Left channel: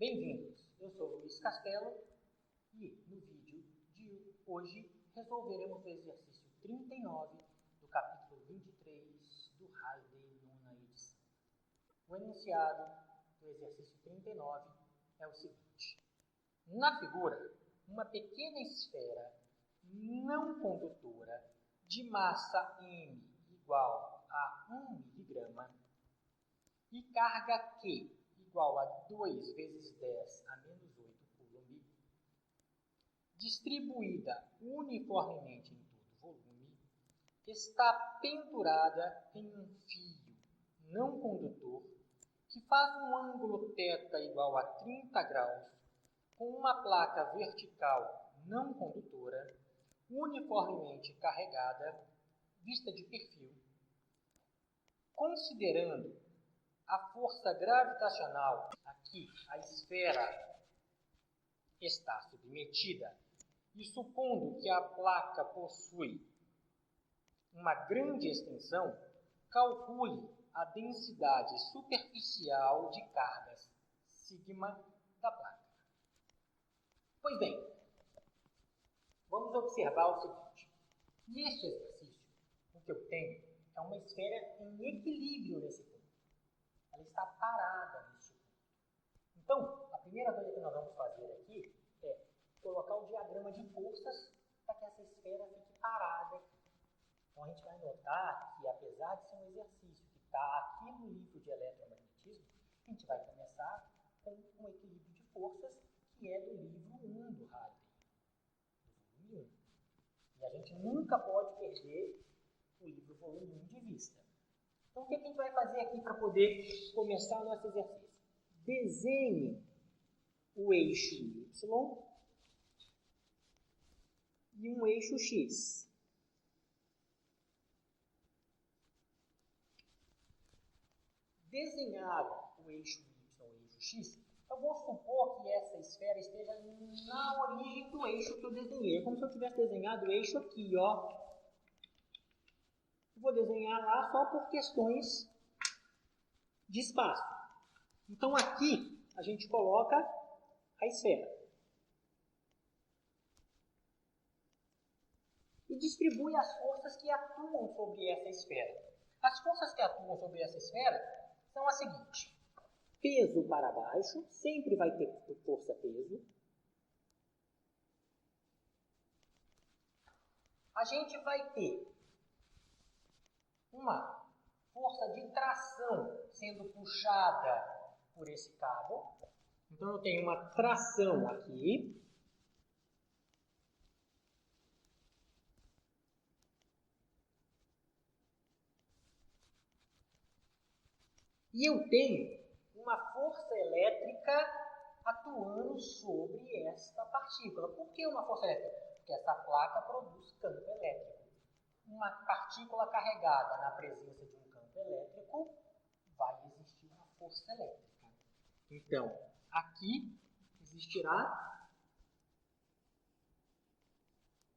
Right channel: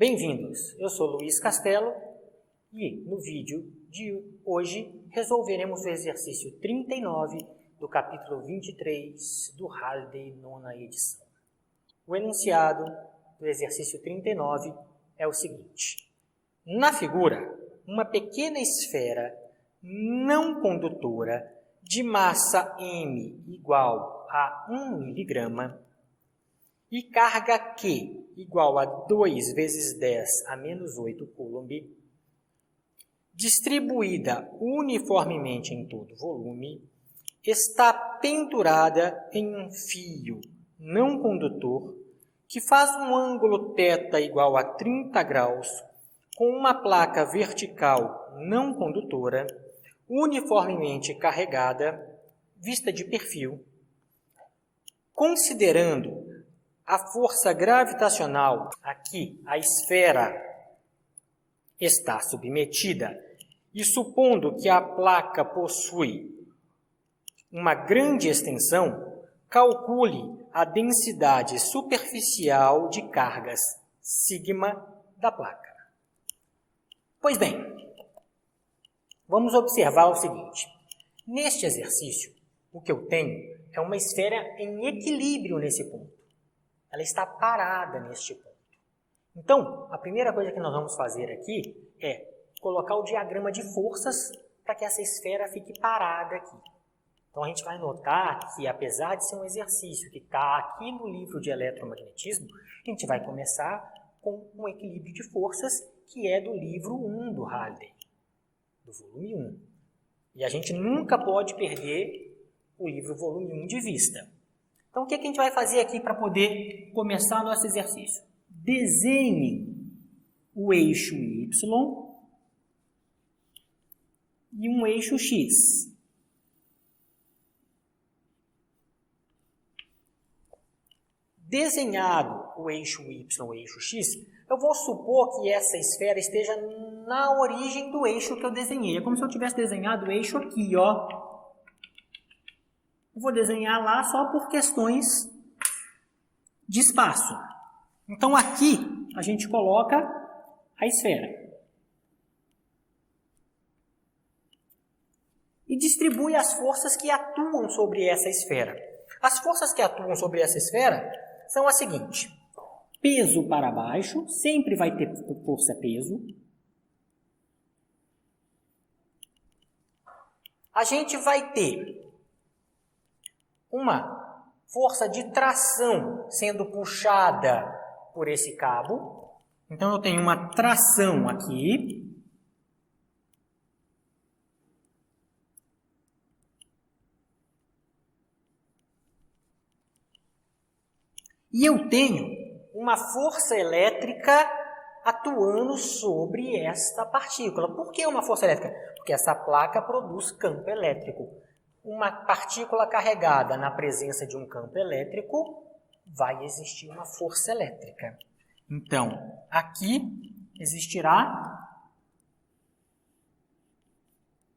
Bem-vindos, eu sou Luiz Castelo e no vídeo de hoje resolveremos o exercício 39 do capítulo 23 do Halliday, nona edição. O enunciado do exercício 39 é o seguinte: na figura, uma pequena esfera não condutora de massa m igual a 1 miligrama e carga Q igual a 2 vezes 10 a menos 8 coulomb, distribuída uniformemente em todo o volume, está pendurada em um fio não condutor que faz um ângulo θ igual a 30 graus com uma placa vertical não condutora uniformemente carregada, vista de perfil, considerando a força gravitacional a que a esfera está submetida e supondo que a placa possui uma grande extensão, calcule a densidade superficial de cargas sigma da placa. Pois bem, vamos observar o seguinte. Neste exercício, o que eu tenho é uma esfera em equilíbrio nesse ponto. Ela está parada neste ponto. Então, a primeira coisa que nós vamos fazer aqui é colocar o diagrama de forças para que essa esfera fique parada aqui. Então, a gente vai notar que, apesar de ser um exercício que está aqui no livro de eletromagnetismo, a gente vai começar com um equilíbrio de forças que é do livro 1 do Halliday, do volume 1. E a gente nunca pode perder o livro volume 1 de vista. Então, o que a gente vai fazer aqui para poder começar nosso exercício? Desenhe o eixo Y e um eixo X. Desenhado o eixo Y e o eixo X, eu vou supor que essa esfera esteja na origem do eixo que eu desenhei. É como se eu tivesse desenhado o eixo aqui, ó. Eu vou desenhar lá só por questões de espaço. Então, aqui a gente coloca a esfera. E distribui as forças que atuam sobre essa esfera. As forças que atuam sobre essa esfera são as seguintes. Peso para baixo, sempre vai ter força-peso. A gente vai ter uma força de tração sendo puxada por esse cabo. Então, eu tenho uma tração aqui. E eu tenho uma força elétrica atuando sobre esta partícula. Por que uma força elétrica? Porque essa placa produz campo elétrico. Uma partícula carregada na presença de um campo elétrico, vai existir uma força elétrica. Então, aqui existirá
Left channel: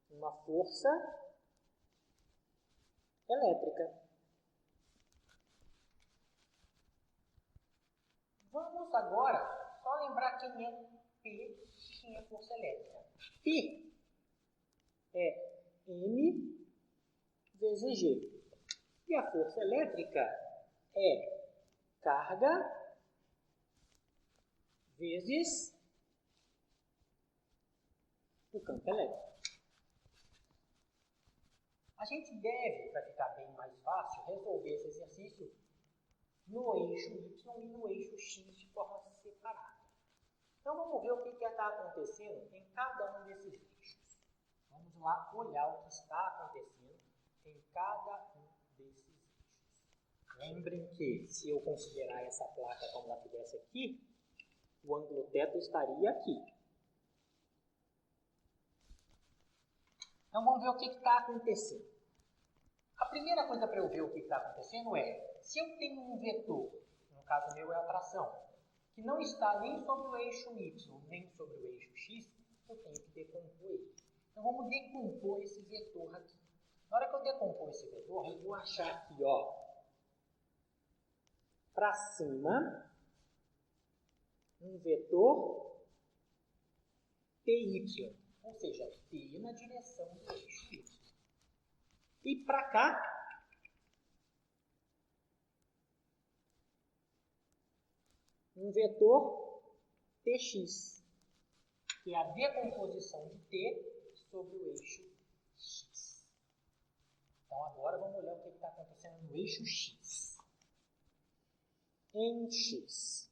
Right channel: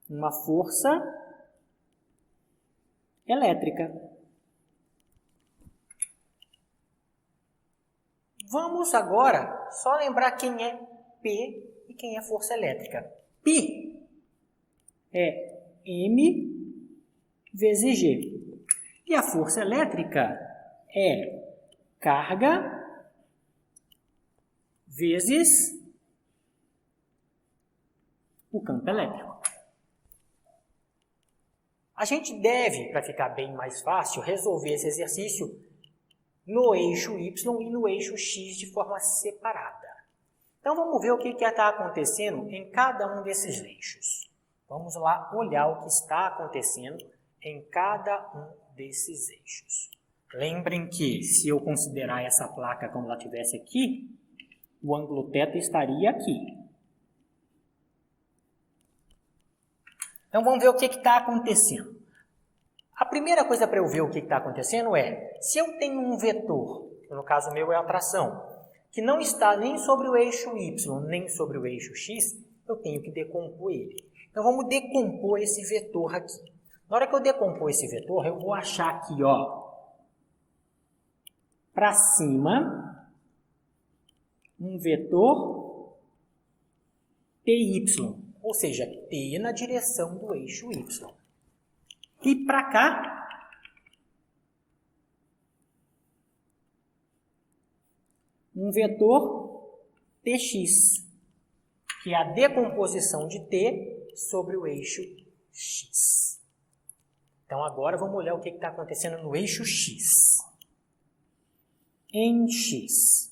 uma força elétrica. Vamos agora só lembrar quem é P e quem é força elétrica. P é M vezes G. E a força elétrica é carga vezes o campo elétrico. A gente deve, para ficar bem mais fácil, resolver esse exercício no eixo Y e no eixo X de forma separada. Então, vamos ver o que está acontecendo em cada um desses eixos. Vamos lá olhar o que está acontecendo em cada um desses eixos. Lembrem que, se eu considerar essa placa como ela estivesse aqui, o ângulo θ estaria aqui. Então, vamos ver o que está acontecendo. A primeira coisa para eu ver o que está acontecendo é, se eu tenho um vetor, que no caso meu é a tração, que não está nem sobre o eixo Y, nem sobre o eixo X, eu tenho que decompor ele. Então, vamos decompor esse vetor aqui. Na hora que eu decompor esse vetor, eu vou achar aqui, ó, para cima, um vetor PY, ou seja, P na direção do eixo Y. E para cá, um vetor TX, que é a decomposição de T sobre o eixo X. Então, agora vamos olhar o que está acontecendo no eixo X. Em X.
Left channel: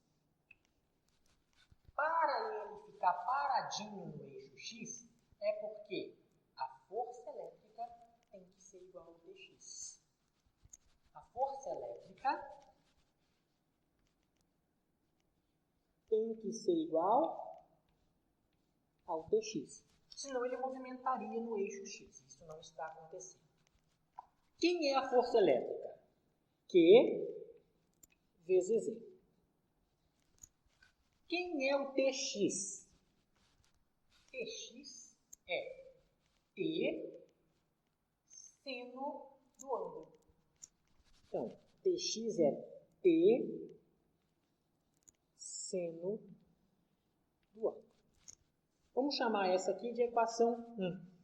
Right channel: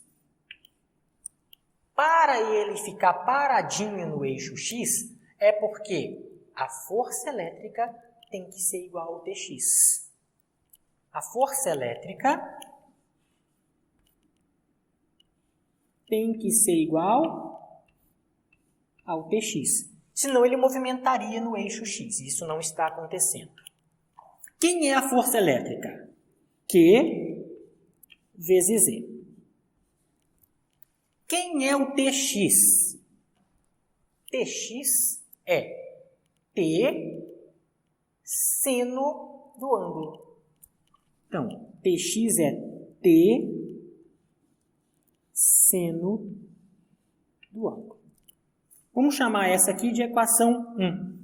Para ele ficar paradinho no eixo X, é porque a força elétrica tem que ser igual ao TX. A força elétrica tem que ser igual ao TX. Senão ele movimentaria no eixo X. Isso não está acontecendo. Quem é a força elétrica? Q vezes E. Quem é o TX? TX é T seno do ângulo. Então, TX é T seno do ângulo. Vamos chamar essa aqui de equação 1.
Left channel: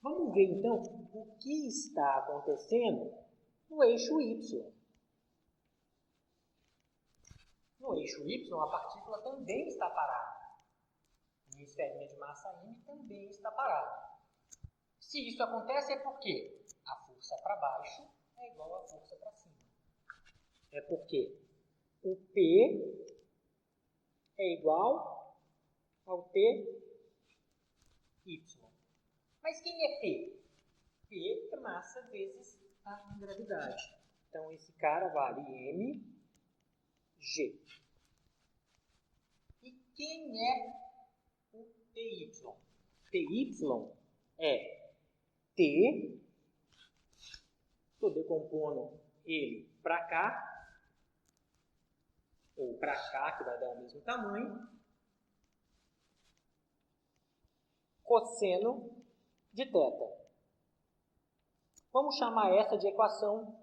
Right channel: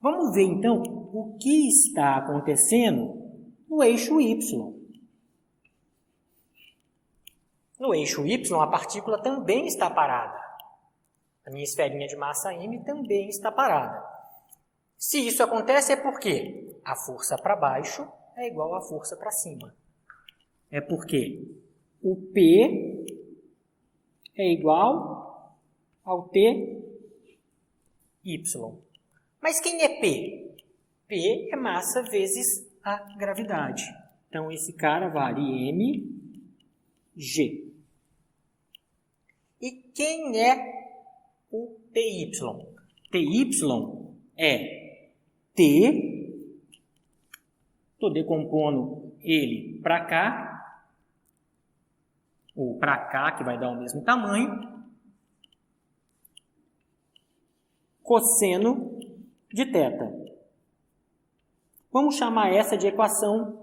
Vamos ver, então, o que está acontecendo no eixo Y. No eixo Y, a partícula também está parada. A minha esferinha de massa M também está parada. Se isso acontece, é porque a força para baixo é igual à força para cima. É porque o P é igual ao TY. Mas quem é P? P é massa vezes a gravidade. Então, esse cara vale mg. E quem é o TY? TY é T, estou decompondo ele para cá, ou para cá, que vai dar o mesmo tamanho, cosseno de θ. Vamos chamar essa de equação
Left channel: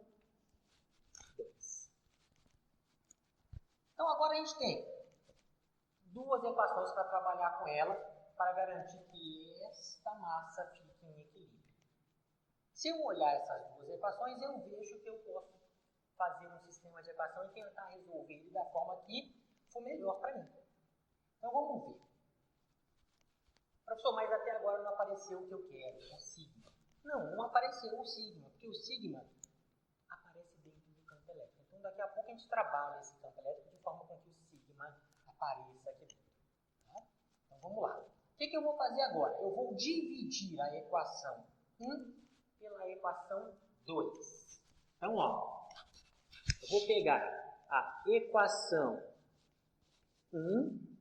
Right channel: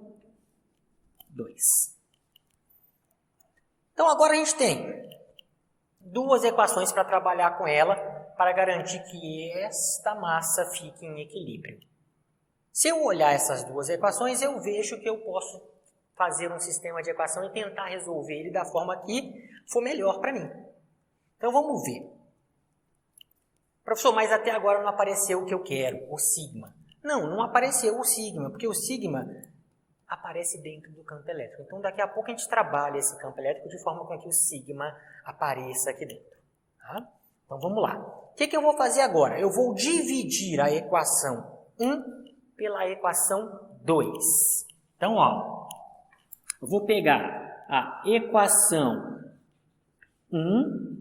2. Então, agora a gente tem duas equações para trabalhar com ela, para garantir que esta massa fique em equilíbrio. Se eu olhar essas duas equações, eu vejo que eu posso fazer um sistema de equação e tentar resolver ele da forma que for melhor para mim. Então, vamos ver. Professor, mas até agora não apareceu o que eu quero, o sigma. Não apareceu o sigma, porque o sigma aparece dentro do campo elétrico. Então, daqui a pouco a gente trabalha esse campo elétrico de forma com que o sigma apareça aqui dentro. Tá? Então, vamos lá. O que eu vou fazer agora? Eu vou dividir a equação 1 pela equação 2. Então, ó, eu vou pegar a equação 1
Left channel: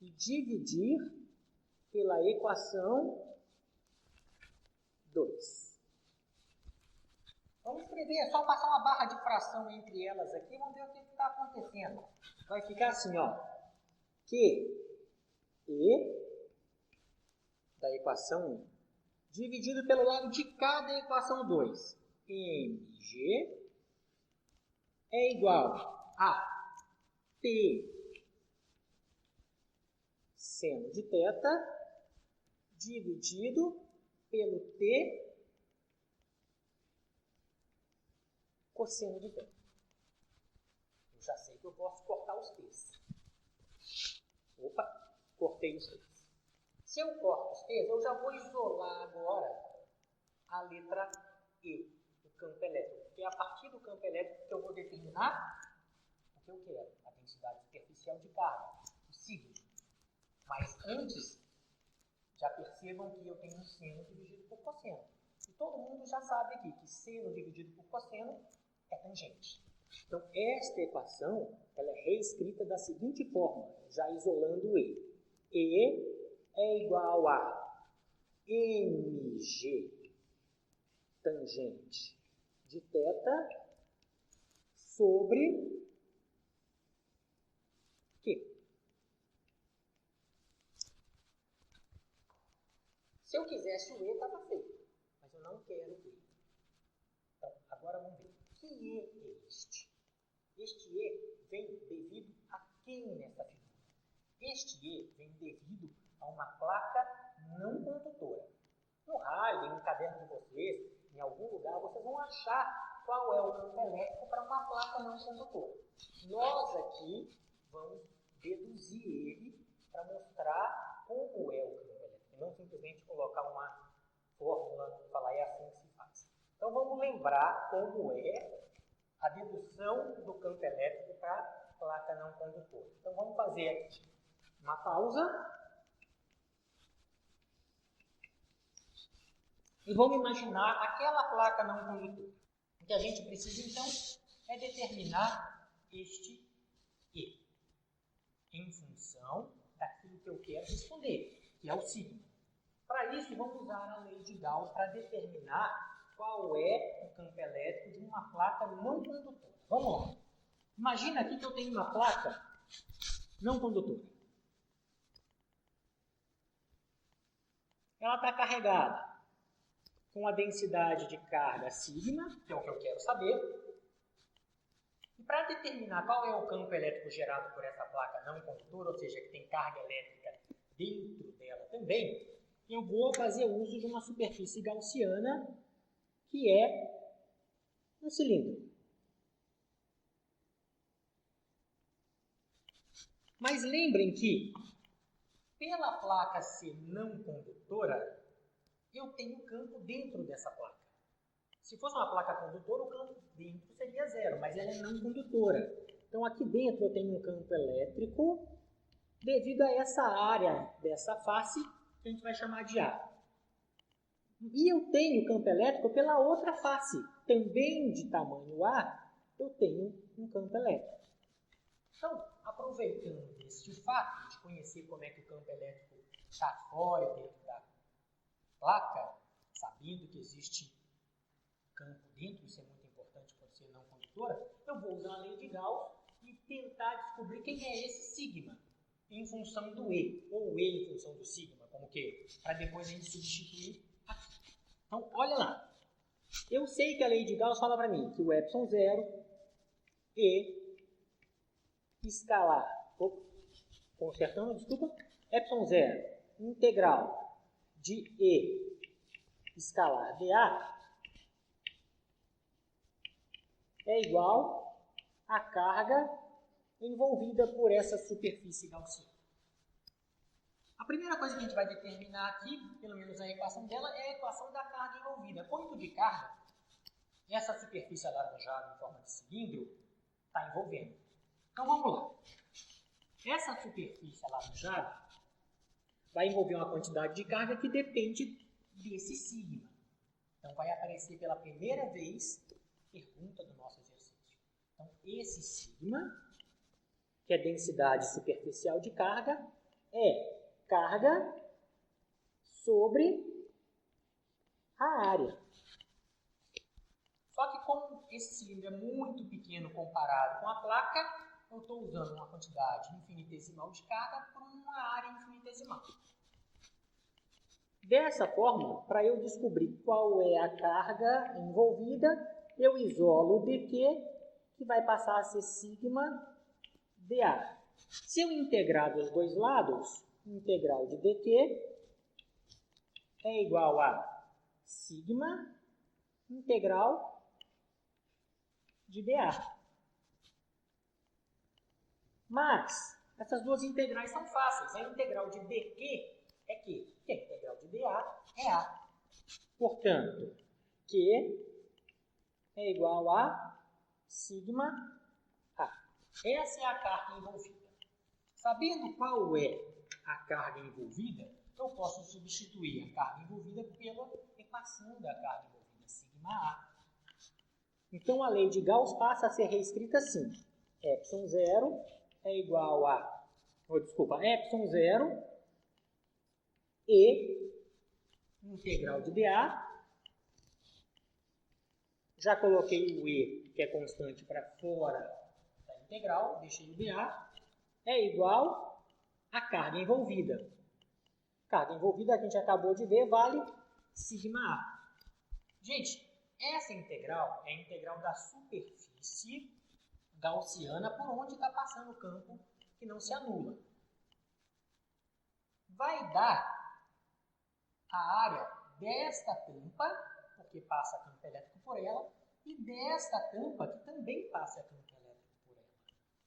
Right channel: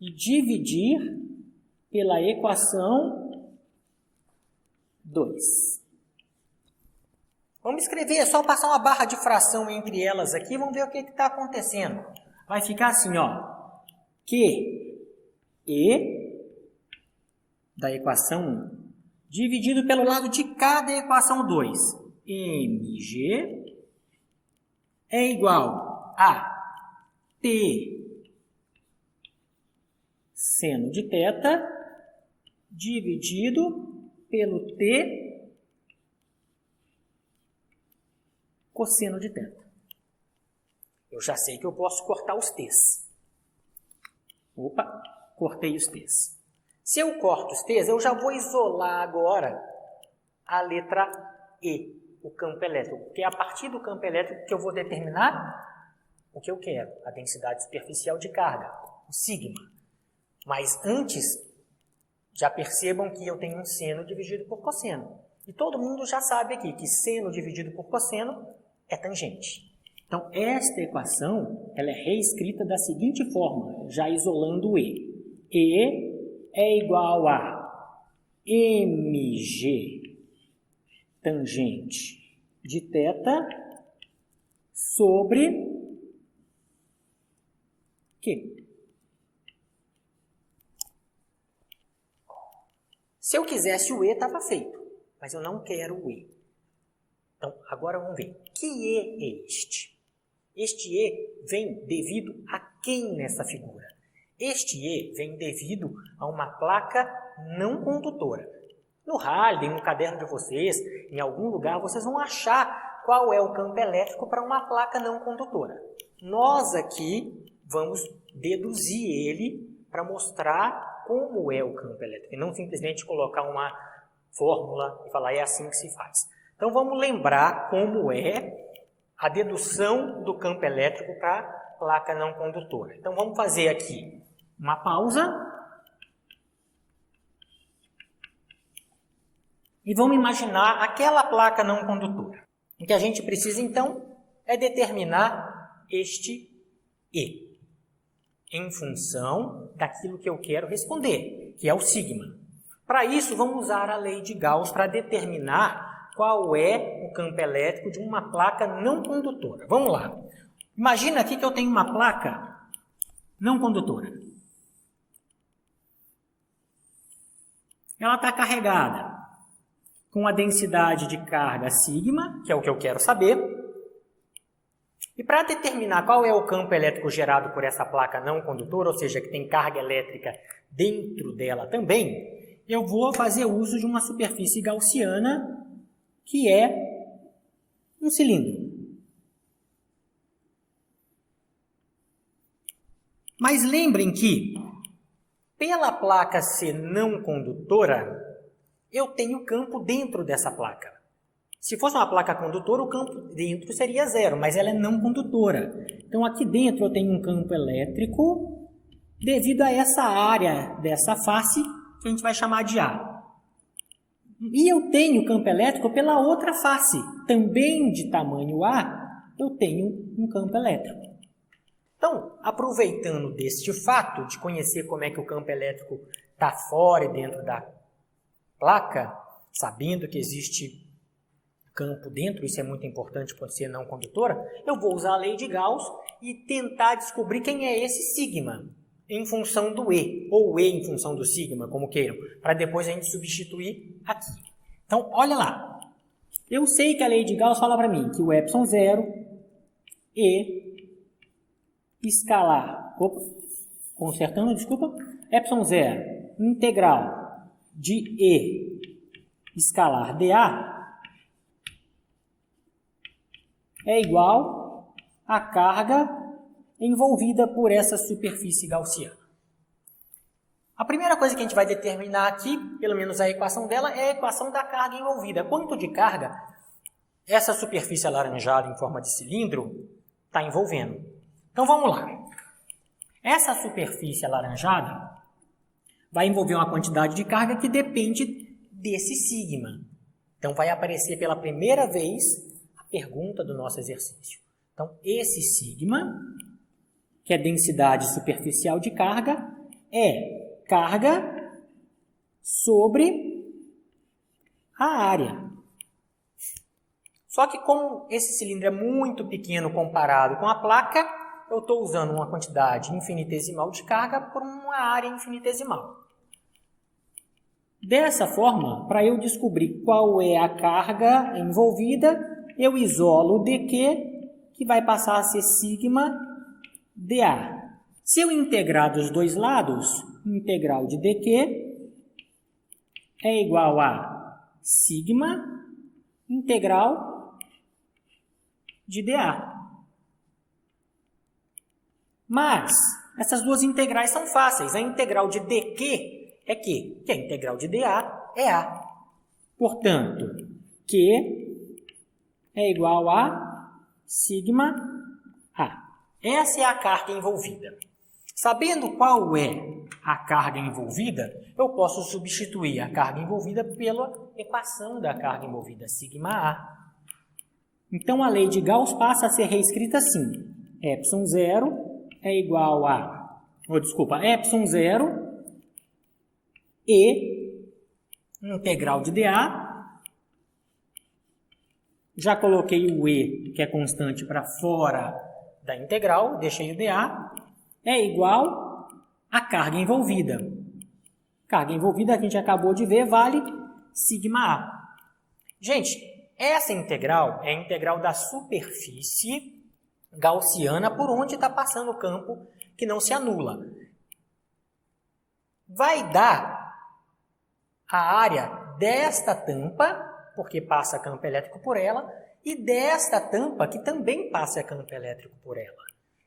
e dividir pela equação 2. Vamos escrever, é só passar uma barra de fração entre elas aqui, vamos ver o que está acontecendo. Vai ficar assim, ó, QE da equação 1, dividido pelo lado de cada equação 2, mg é igual a T seno de θ dividido pelo T cosseno de θ. Eu já sei que eu posso cortar os t's. Opa, cortei os t's. Se eu corto os t's, eu já vou isolar agora a letra E, o campo elétrico. Porque é a partir do campo elétrico que eu vou determinar o que eu quero, a densidade superficial de carga, o sigma. Mas antes, já percebam que eu tenho um seno dividido por cosseno. E todo mundo já sabe aqui que seno dividido por cosseno é tangente. Então, esta equação ela é reescrita da seguinte forma, já isolando o E. E é igual a mg tangente de θ sobre Q. Se eu quisesse o E, estava feito, mas eu não quero o E. Então, agora vamos ver. Que E é este? Este E vem devido a quem nessa figura? Este E vem devido a uma placa não condutora. No Halliday, no caderno de vocês, em algum lugar, vocês vão achar qual é o campo elétrico para uma placa não condutora. Nós aqui vamos deduzir ele para mostrar como é o campo elétrico, e não simplesmente colocar uma fórmula e falar é assim que se faz. Então vamos lembrar como é a dedução do campo elétrico para placa não condutora. Então vamos fazer aqui uma pausa e vamos imaginar aquela placa não condutora. O que a gente precisa então é determinar este E em função daquilo que eu quero responder, que é o sigma. Para isso, vamos usar a lei de Gauss para determinar qual é o campo elétrico de uma placa não condutora. Vamos lá. Imagina aqui que eu tenho uma placa não condutora. Ela está carregada com a densidade de carga sigma, que é o que eu quero saber. E para determinar qual é o campo elétrico gerado por essa placa não condutora, ou seja, que tem carga elétrica dentro dela também, eu vou fazer uso de uma superfície gaussiana, que é um cilindro. Mas lembrem que, pela placa ser não condutora, eu tenho campo dentro dessa placa. Se fosse uma placa condutora, o campo dentro seria zero, mas ela é não condutora. Então, aqui dentro eu tenho um campo elétrico devido a essa área dessa face, que a gente vai chamar de A. E eu tenho campo elétrico pela outra face, também de tamanho A, eu tenho um campo elétrico. Então, aproveitando deste fato de conhecer como é que o campo elétrico está fora e dentro da placa, sabendo que existe campo dentro, isso é muito importante por ser não condutora, eu vou usar a lei de Gauss e tentar descobrir quem é esse sigma em função do E, ou E em função do sigma, como queiram, para depois a gente substituir aqui. Então, olha lá. Eu sei que a lei de Gauss fala para mim que o epsilon zero, E, escalar, epsilon zero, integral de E, escalar dA, é igual à carga envolvida por essa superfície gaussiana. A primeira coisa que a gente vai determinar aqui, pelo menos a equação dela, é a equação da carga envolvida. Quanto de carga essa superfície alaranjada em forma de cilindro está envolvendo? Então vamos lá. Essa superfície alaranjada vai envolver uma quantidade de carga que depende desse sigma. Então vai aparecer pela primeira vez pergunta do nosso exercício. Então, esse sigma, que é densidade superficial de carga, é carga sobre a área. Só que como esse cilindro é muito pequeno comparado com a placa, eu estou usando uma quantidade infinitesimal de carga por uma área infinitesimal. Dessa forma, para eu descobrir qual é a carga envolvida, eu isolo o dq, que vai passar a ser sigma dA. Se eu integrar dos dois lados, integral de dq é igual a sigma integral de dA. Mas essas duas integrais são fáceis. A integral de dq é Q, que a integral de dA é A. Portanto, Q é igual a sigma A. Essa é a carga envolvida. Sabendo qual é a carga envolvida, eu posso substituir a carga envolvida pela equação da carga envolvida, sigma A. Então, a lei de Gauss passa a ser reescrita assim. Epsilon zero é igual a... epsilon zero E integral de dA. Já coloquei o E, que é constante, para fora da integral, deixei o dA, é igual à carga envolvida. Carga envolvida, que a gente acabou de ver, vale sigma A. Gente, essa integral é a integral da superfície gaussiana por onde está passando o campo que não se anula. Vai dar a área desta tampa, porque passa campo elétrico por ela, e desta tampa, que também passa campo elétrico por ela.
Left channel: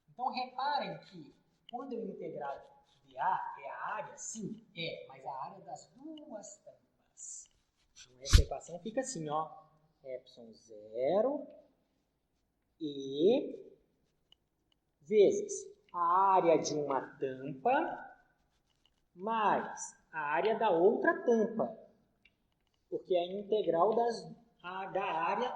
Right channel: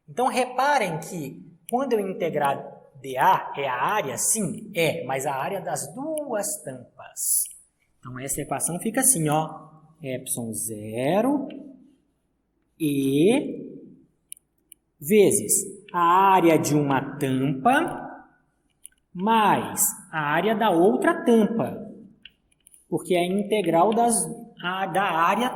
Então, reparem que quando eu integrar dA é a área, sim, mas a área das duas tampas. Então, essa equação fica assim, ó, ε0 E vezes a área de uma tampa mais a área da outra tampa, porque é a integral da área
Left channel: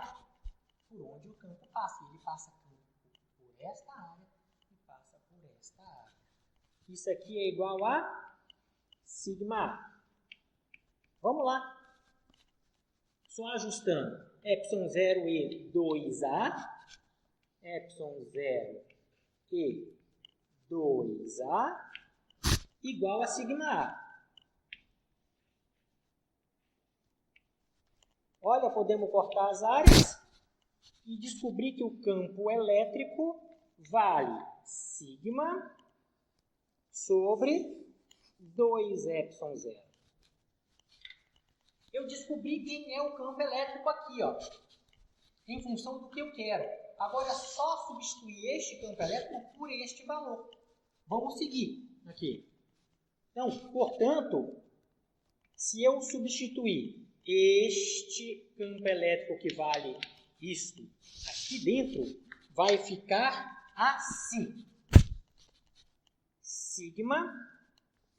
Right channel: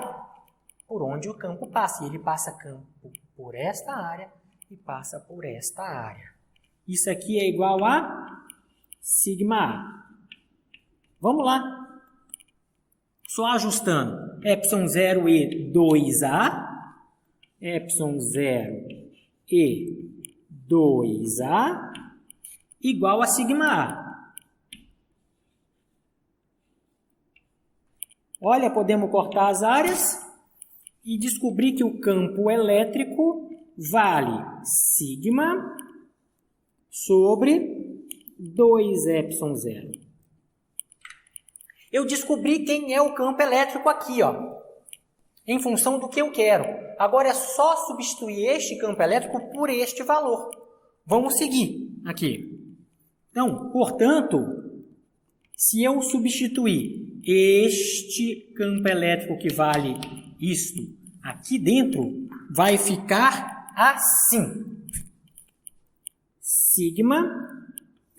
por onde o campo passa. E ele passa campo por esta área e passa por esta área. Isso aqui é igual a sigma A. Vamos lá. Só ajustando. ε0 e 2A, ε0 e 2A igual a sigma A. Olha, podemos cortar as áreas e descobrir que o campo elétrico vale sigma sobre 2ε0. Eu descobri quem é o campo elétrico aqui, ó, em função do que eu quero. Agora é só substituir este campo elétrico por este valor. Vamos seguir aqui. Então, portanto, se eu substituir este campo elétrico que vale isto aqui dentro, vai ficar assim. Sigma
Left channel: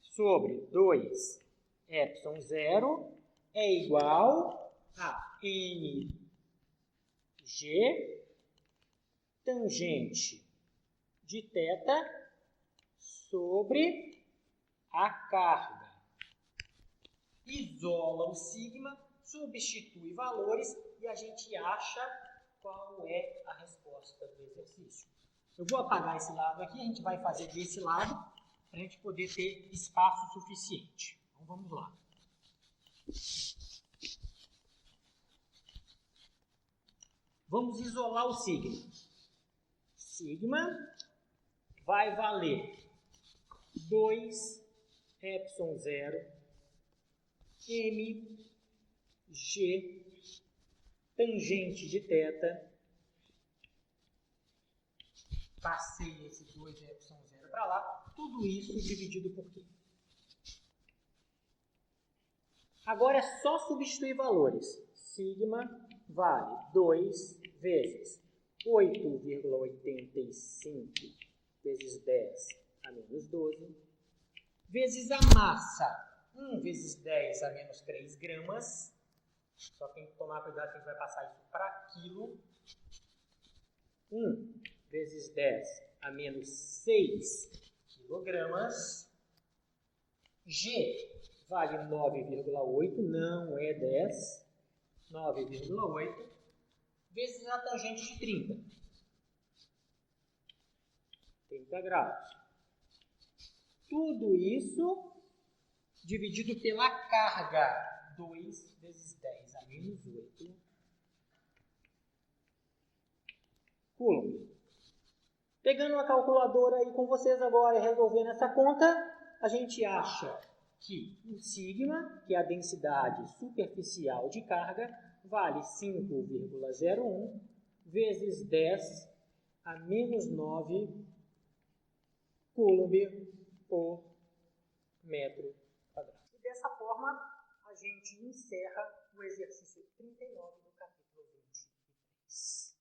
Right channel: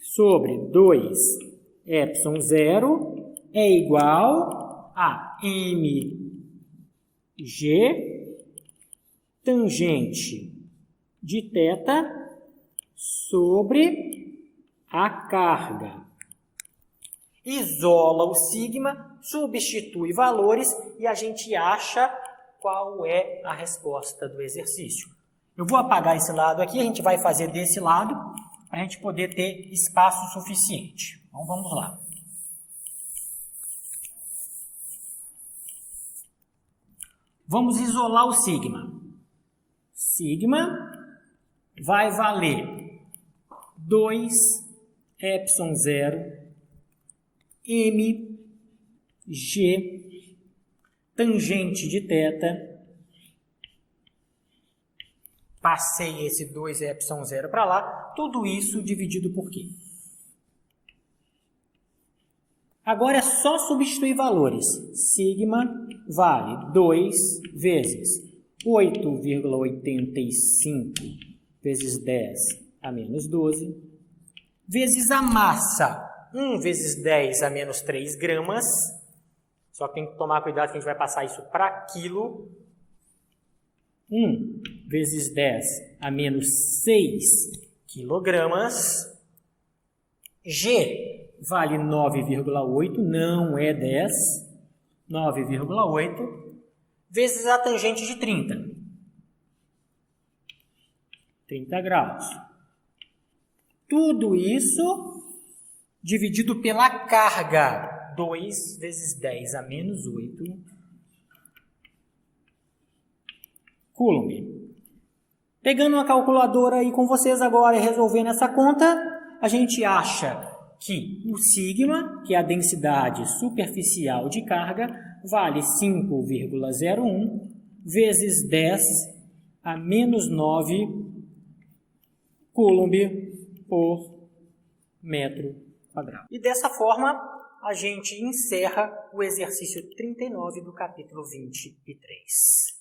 sobre 2ε0 é igual a mg tangente de θ sobre a carga. Isola o sigma, substitui valores e a gente acha qual é a resposta do exercício. Eu vou apagar esse lado aqui, a gente vai fazer desse lado para a gente poder ter espaço suficiente. Então vamos lá. Vamos isolar o sigma. Sigma vai valer 2ε0 mg tangente de θ. Passei esse 2ε0 para lá. Tudo isso dividido por quê? Agora é só substituir valores. Sigma vale 2 vezes 8,85 vezes 10 a menos 12, vezes a massa, 1 vezes 10 a menos 3 gramas. Só que tem que tomar cuidado que a gente vai passar isso para quilo. 1 vezes 10 a menos 6 quilogramas. G vale 9,8, não é 10, 9,8, vezes a tangente de 30 graus. Tudo isso dividido pela carga, 2 vezes 10 a menos 8 coulomb. Pegando uma calculadora aí com vocês agora e resolvendo essa conta, a gente acha que o sigma, que é a densidade superficial de carga, vale 5,01 vezes 10 a menos 9 coulomb por metro quadrado. E dessa forma, a gente encerra o exercício 39 do capítulo 23.